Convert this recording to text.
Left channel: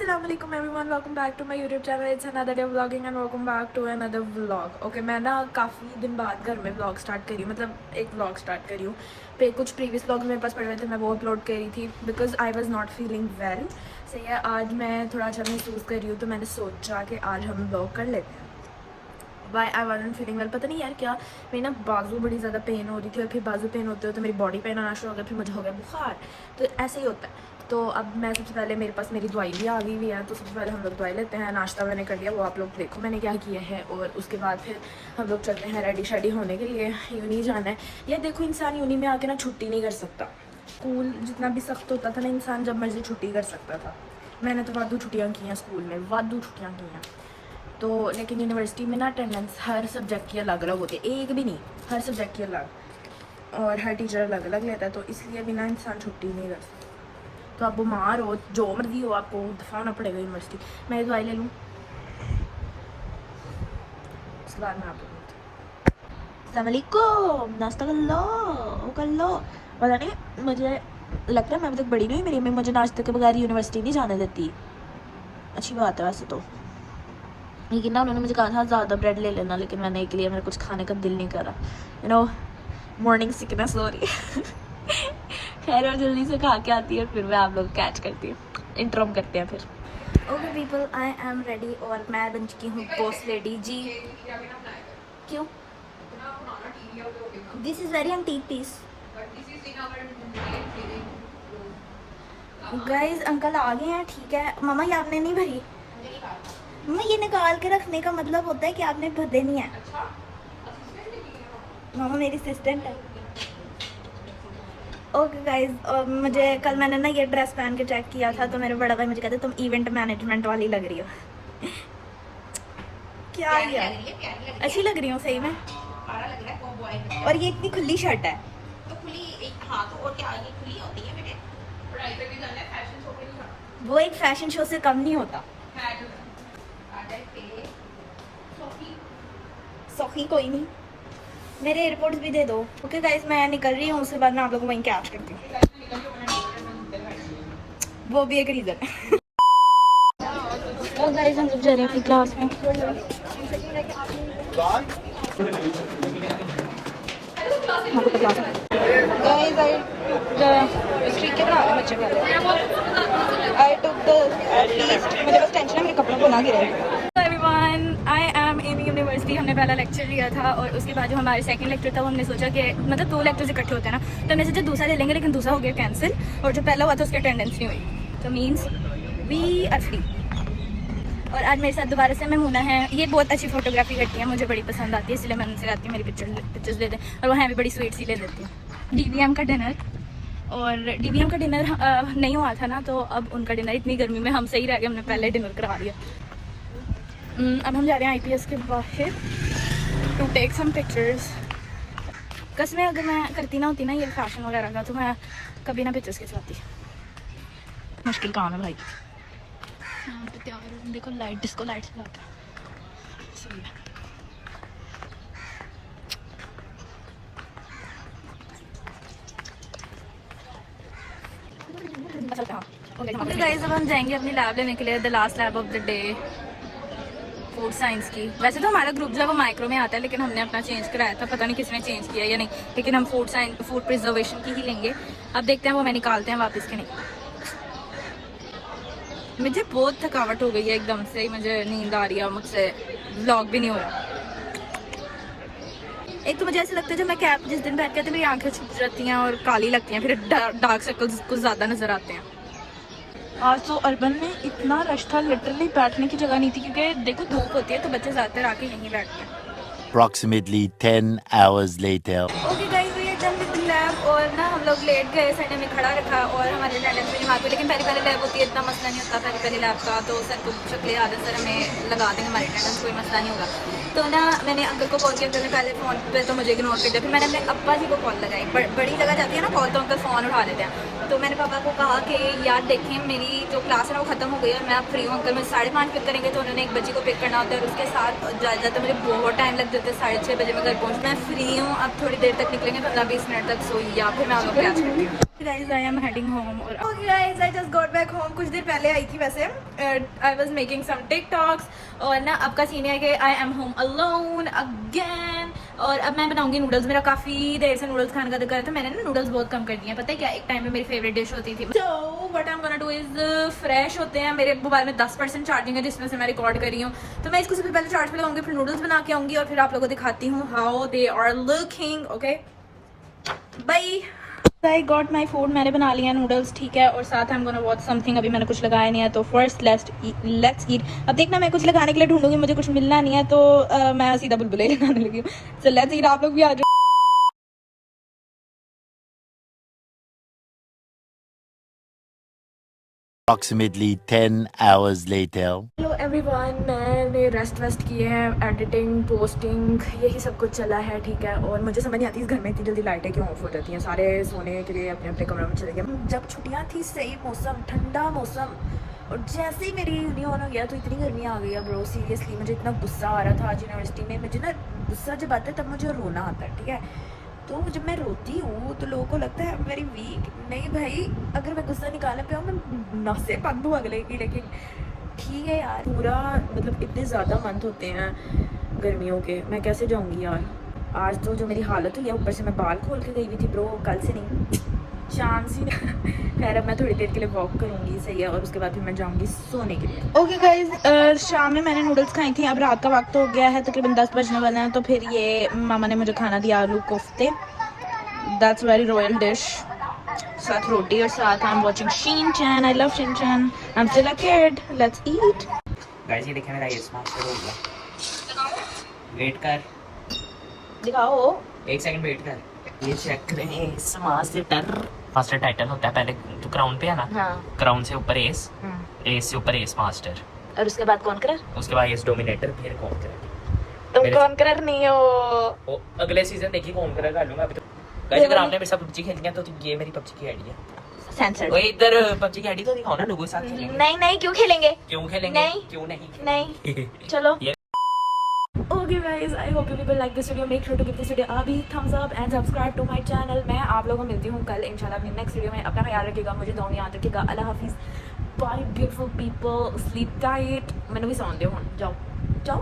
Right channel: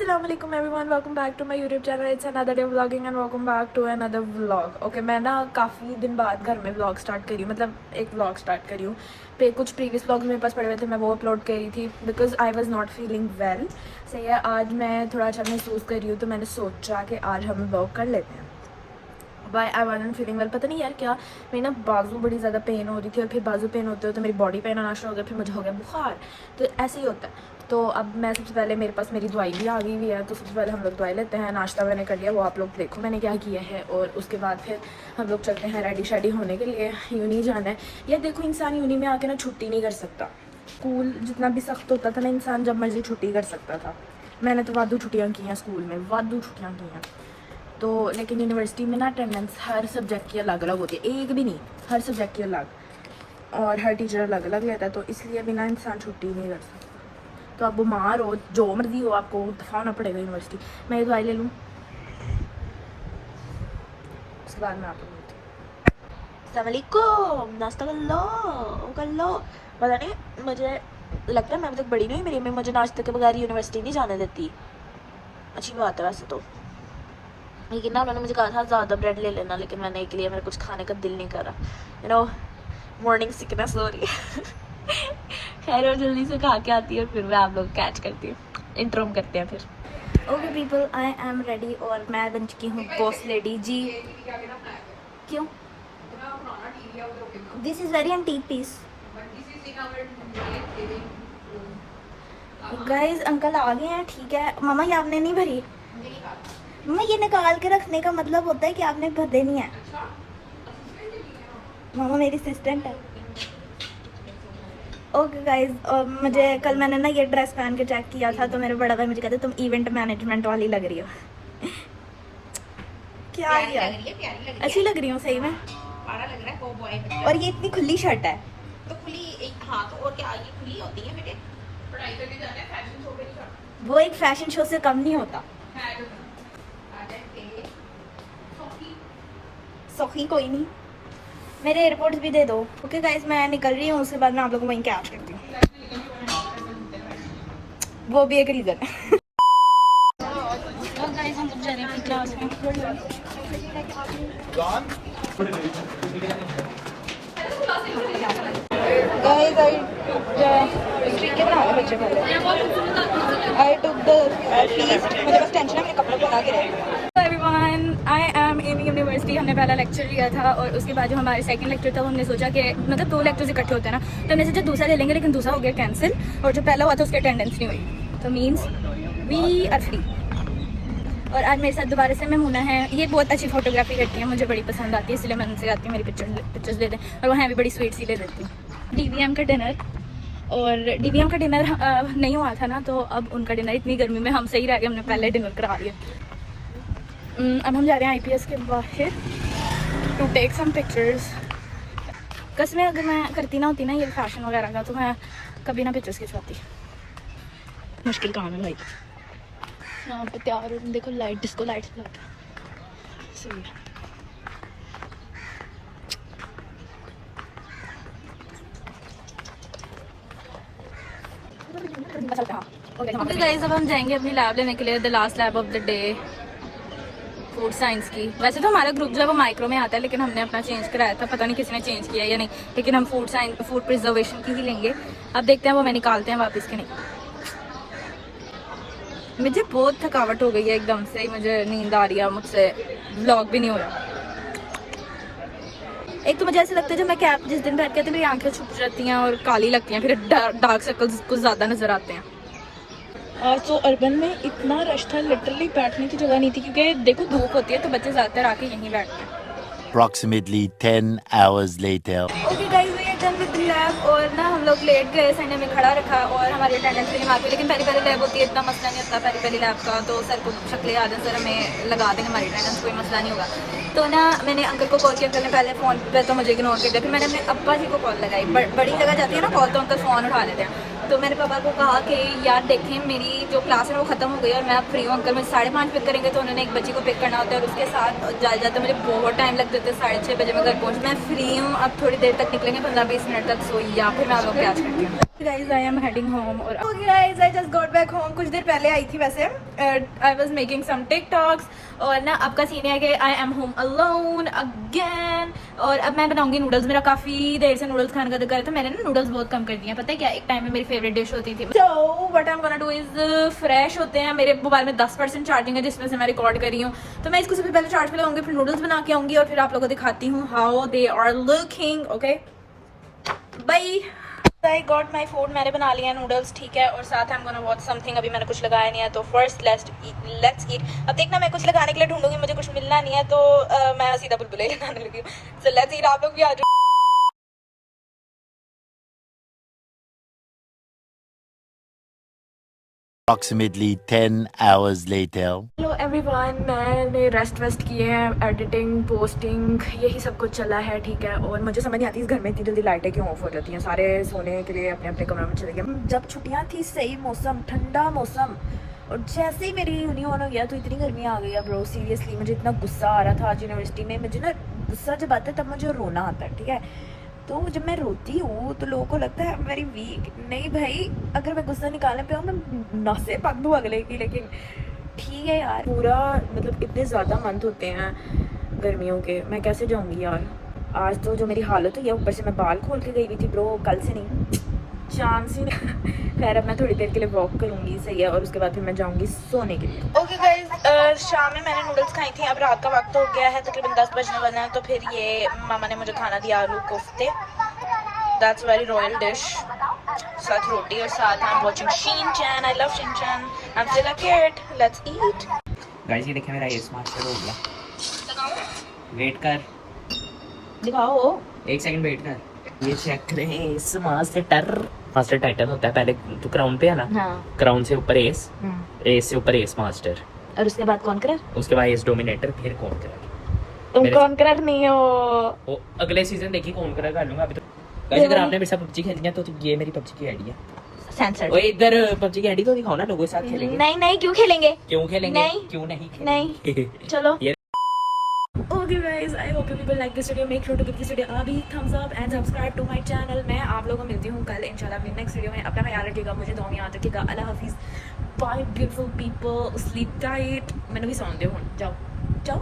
Assalamualaikum everyone, welcome back to my YouTube channel. It's another day of vlogging and welcome back to another vlog. Okay, मैं ना काफ़ी दिन बाद घर में vlog स्टार्ट करी हूँ, मतलब एक vlog स्टार्ट करी हूँ. पे कुछ प्रीवियस vlogs मेरे पास पड़े हुए थे, मैं वो अपलोड करी थी because I was not feeling well. सही है, आज मैं थोड़ा अच्छा महसूस कर रही हूँ तो मैंने सोचा कि आज हम vlog कर लेते हैं. Why I wasn't feeling well, पता नहीं यार क्या, मेरी ना बाजू बड़ी ज़्यादा पेन हो रही थी और फिर बाजू पेन होते होते मेरी बॉडी पेन आना शुरू हो गया, फिर मुझे हो गया बुखार. तो ऐसे ही होता है. तो अब मैं सबसे पहले मेरे पास मेरी दवाई भी आ गई हुई है, तो सबसे पहले हम लोग दवाई लेते हैं. नाश्ता मैंने कर लिया, वो आप लोग देखो मैंने क्या किया है. और उसके बाद फिर हम लोग चलते हैं रेडी शेडी होने के लिए, यूनी जाना है. यार देखो, इंसान यूनी में आके ना छुट्टी नहीं कर सकता. स्कूल जितना भी सख्त होता था ना, इंसान जब मर्जी छुट्टी कर सकता था. मैंने तो वादू छुट्टियाँ की हैं स्कूल में, वादू छुट्टियाँ की हैं. तो लेकिन यूनिवर्सिटी में ना अटेंडेंस हर सब्जेक्ट की अलग अलग होती है, एक भी नहीं, हर सब्जेक्ट की अलग, और हर टीचर अलग अलग लेता है. तो इसलिए बिना इंसान छुट्टी नहीं कर सकता. तो आप बीमार हो, जो मर्जी हो, आपको दफा होना पड़ेगा यूनिवर्सिटी. मैं ये दवाई ले लूँ, उसके बाद में आपको अस्सलामुअलैकुम, नाश्ता कर लो, वो कर लो. पता नहीं, मुझे लगता है मैं अभी तक बड़ी नहीं हुई, मेरी मम्मी मुझे नाश्ते के बगैर यूनिवर्सिटी नहीं जाने देती. अच्छी बात है वैसे तो, लेकिन ना उन्होंने मुझे कहा था ज़्यादा ब्रेड ले लेना, लेकिन मैंने एक लिया, मेरा कुछ खाने का दिल नहीं करा. यू नो, मॉर्निंग सिकनेस हो रही है. खैर और जल्दी से खा के आती है, फिर मैं आप लोग कैच करती हूँ, इंट्रोम करते हैं फिर. Okay people, I am ready और मैं बन चुकी हूँ बॉस लेडी जी. क्यों? This is very antique piece. Guys uncle आ गए हैं, ठीक है. मामा ये आपने नहीं भरी. मामा ये निकाल के रखने का मतलब होता है कि आपने भरते नहीं है. मामा मेरी असिस्टेंट है. ओके गाइज, मुझे कल मैंने ना ये ड्रेस पहन के चेक किया था, तो मेरे बड़ा भाई मुझे कहते तुम इवेंट मैनेजमेंट वाली लग रही हो. क्या यार, अच्छी लग रही हूँ सही में. और ये इतनी खुली शर्ट है. तो खुली, हाँ तो और क्या, ये खुली होती है बेटे. पढ़ाई करने जाना है, फैशन शो पे नहीं जाना. वो एक फैशन शो से कम नहीं होता. सखी कोई नहीं, मेरे एयरपोर्ट्स भी दे दो. ओके गाइस, मैं निकल रही हूँ, उसके बाद मैं आप लोगों को वहीं कैच करती हूँ. वो भी एक रीज़न है. तो गाइस हम लोग जा रहे हैं अपनी क्लास में. I am in university. हमने पहला लेक्चर लिया था और उसके बाद जो हमारे सेकंड लेक्चर था, हमने सोचा कि मतलब दो लेक्चर्स इकट्ठे होते हैं ना, तो हमने सोचा दूसरा ले लेंगे, लेकिन दूसरा हो गया कैंसिल, और जो पहला हुआ था उसकी अटेंडेंस नहीं हुई. तो मीन्स वी आर फ्री. और आज मेरे साथ दोबारा से मेमूना है. ये बहुत अच्छी फोटोग्राफी करती हैं, मुझे बड़ी पसंद आती है, इसलिए मैं उनसे कहती हूँ मेरी पिक्चर्स दे दें. और वहाँ भी बड़ी स्वीट सी ले लेती हूँ. DVM का डिनर, और DVM का डिनर नहीं हुआ था ना, तो अब उनका डिनर, इतनी गर्मी में हम सही रह गए, हमने पहले डिनर करा लिया. अब हम जा रहे हैं IPS के बाहर टू टेक सम पिक्चर्स. कसमें अगर मैं करती ना होती ना ये फैशन वगैरह का, तो मैं कभी ना पिक्चर्स खिंचवाती. मुश्किल काम है भाई. यहाँ पे तैयार देखो, लाइट, डिस्को लाइट सही है. ओके गाइस, अब हम जाएंगे अपनी लैब लेने के लिए, the last lab of the day, food science की. वैसे तो हमारा ग्रुप जो है वो माइक्रो में आता है, लेकिन हमने अपना चेंज कराया था, पता नहीं किसने चेंज किया या नहीं, लेकिन हम फूड साइंस, फूड प्रिजर्वेशन की ही लेंगे. अब देखते हैं वो हमें निकालते हैं वापस के नहीं. मुझे बहुत थकावट हो गई है एकदम से, मुझे नींद आ रही है, मुझसे व्लॉग भी नहीं हो रहा. एक तो मुझे ऐसा लगता है जब मैं कैप जिस दिन बैठ के तो मेरी आंखें छुप जाती हैं और काली लगती हैं, फिर डार्क सर्कल्स कुछ ज़्यादा नज़र आते हैं. आज तो अर्बन में इतना रश था, लिटरली बैठने की जगह नहीं थी, क्योंकि देखो धूप होती है तो बच्चे ज़्यादातर आके यहीं बैठते हैं. Approximately 10 hours later. Okay guys, we are done with the lab. और ना हम लोग लेट गए, सर ने हमें खड़ा रखा और हमारे अटेंडेंस भी नहीं, लेकिन पहली लैब होती है, इतना मसला नहीं होता पहली लैब का, तो सर को शक्ल याद है, सर हमें लगा देंगे हमारी अटेंडेंस, कोई मसला नहीं होगा. तो ना मैंने अंकल को कॉल किया, अंकल ने पहले फ़ोन पे तो मुझे इग्नोर कर दिया, फिर मैंने अपने अब्बा जी को कॉल लगाई. बड़ी जगह जाती है ना कॉल, तो अंकल फ़ोन उठा लेते हैं. तो मैंने पापा को कहा कि यार देखें मेरी जो क्लास है वो ख़त्म हो गई है और मैं अब फ्री हूँ, अंकल मुझे 5:30 पिक करेंगे. तो उन्होंने एक बच्ची को पिक करना होता है और उसके साथ जाते मुझे बहुत टाइम लग जाता है, 6:30 बजे मैं घर पहुँच. मैं फ्री हूँ, अब थोड़ी देर तक निकलेंगे, 15-20 मिनट तक सोई, या फिर मैं आप लोग कैच करती हूँ. Guys, I am heading home. और okay guys, I just got back home. कुछ देर पहले आई थी वैसे. I was making some TikToks. और ना आपका सीन है कि I am home alone again. और अब मैं बनाऊंगी नूडल्स. मेरा काफी देर से नूडल्स खाने का दिल कर रहा था. मैंने ना नूडल्स बहुत कम कर दिए हैं. पता है क्या, एक टाइम में मेरी फेवरेट डिश होती थी. So what I'm gonna do is fresh होते हैं. मेरे मोबाइल में 10% चार्जिंग है जिसमें से मैं रिकॉर्ड कर रही हूँ. तो मैं इसको सबसे पहले चार्ज पे लगाऊंगी, फिर नूडल्स बना के आऊंगी और फिर आप लोगों को दिखाती हूँ how they are looking. Okay, bye. I got my food. मैंने बना लिया नूडल्स, ठीक है. और साथ I'm gonna watch something. अभी मैंने कुछ लगाया नहीं है तो first let's eat. अब देखना मैं कुछ लगाने के लिए ढूंढूंगी, मुझे कुछ मिलना नहीं है तो मैं सीधा बुलबुले लगाने लगी. So let's eat. आप लोग भी आ जाओ. Approximately 10 hours later. Hello everyone, मैंने रेस्ट वेस्ट किए हैं, एडिटिंग पोस्टिंग यही सब कुछ चला है, ठीक है. और मुझे समझ नहीं आती इस घर में इतनी जल्दी लाइटें क्यों ऑफ हो जाती हैं. सारे सोने के लिए अपने अपने कमरों में चले गए. जब छुट्टियां थी, सही मौसम, ठंडा मौसम, और जैसे ही मेरी यूनी ऑन हो गया तो इतनी गर्मी आ गई. ब्रो सीरियसली मुझे इतना गुस्सा आ रहा था आज यूनिवर्सिटी में. मुझे ना गुस्सा जब आता है तब मुझे रोना आता है, ठीक है. तो जब मैं रोती हूँ तो लोगों को लगता है वेरी वीक. नहीं भाई, अगर मैं गुस्सा निकालने पे हूँ मैं नसे पक दूँ अगले की. लेकिन ठीक है यार, पूरा मतलब इतने ज़्यादा मंथ होते हैं गर्मियों के, मैं कैसे जाऊँगी यार. आज तो जो मेरी हालत हुई है, ऊपर से मैं बाल खोल के गई हुई थी ब्रो, कल से नहीं, चांस ही नहीं. खैर अब मैं थोड़ी देर के लिए वॉक करूँगी, सही है. और उसके बाद फिर मैं जाऊँगी सोने के लिए. ओके गाइस, शाम में मैंने नूडल्स खाई थी. अब रात का वक्त हो गया है, तकरीबन 10 बजने वाले हैं. तो फिर ये मामा ने मुझे खाना दिया आलू कोफ्ते. That's very royal dish. साथ रोटी और साथ I am watching Shinchan. I love Shinchan. I am still a kid. Let's eat. Guys ये देखें मेरा ये मास्टर हो गया. वेट कर, दिखाओ. एक सेकंड वेट कर. ये चेक करें इस मास्टर टाइटल होता है. पहले तो क्राउन पे है ना, हाँ. क्राउन से ऊपर एस, एस से ऊपर एस मास्टर, और उसके बाद कौन करे? उसके बाद एस डोमिनेटर, फिर कॉन्करर. तुम कौन कर नहीं हो? वो अगले सीजन देखिए कॉन्करर कर लूंगा. अभी तो गाइस अगर आपने मेरे साथ पबजी खेलनी है तो ये मेरी पबजी की आईडी है. सेंसर. ओए इधर पबजी की आईडी तो दिखाओ ना, लोगों के साथ खेलेंगे. नहीं नहीं, क्यों खेलेंगे? क्यों खेलेंगे? नहीं. क्यों नहीं नहीं. चलो. ये Okay guys, I hope you people like this video. Make sure to give this video a big thumbs up and subscribe to my channel. मैं आप लोगों को मिलती हूँ कल इंशाल्लाह अपनी नेक्स्ट वीडियो में. अपना ख्याल रखिएगा, मुझे दुआ में याद रखिएगा. अल्लाह हाफिज. Bye beautiful people. Sleep tight. मैंने भी सौन दे हूँ. जाओ जाओ.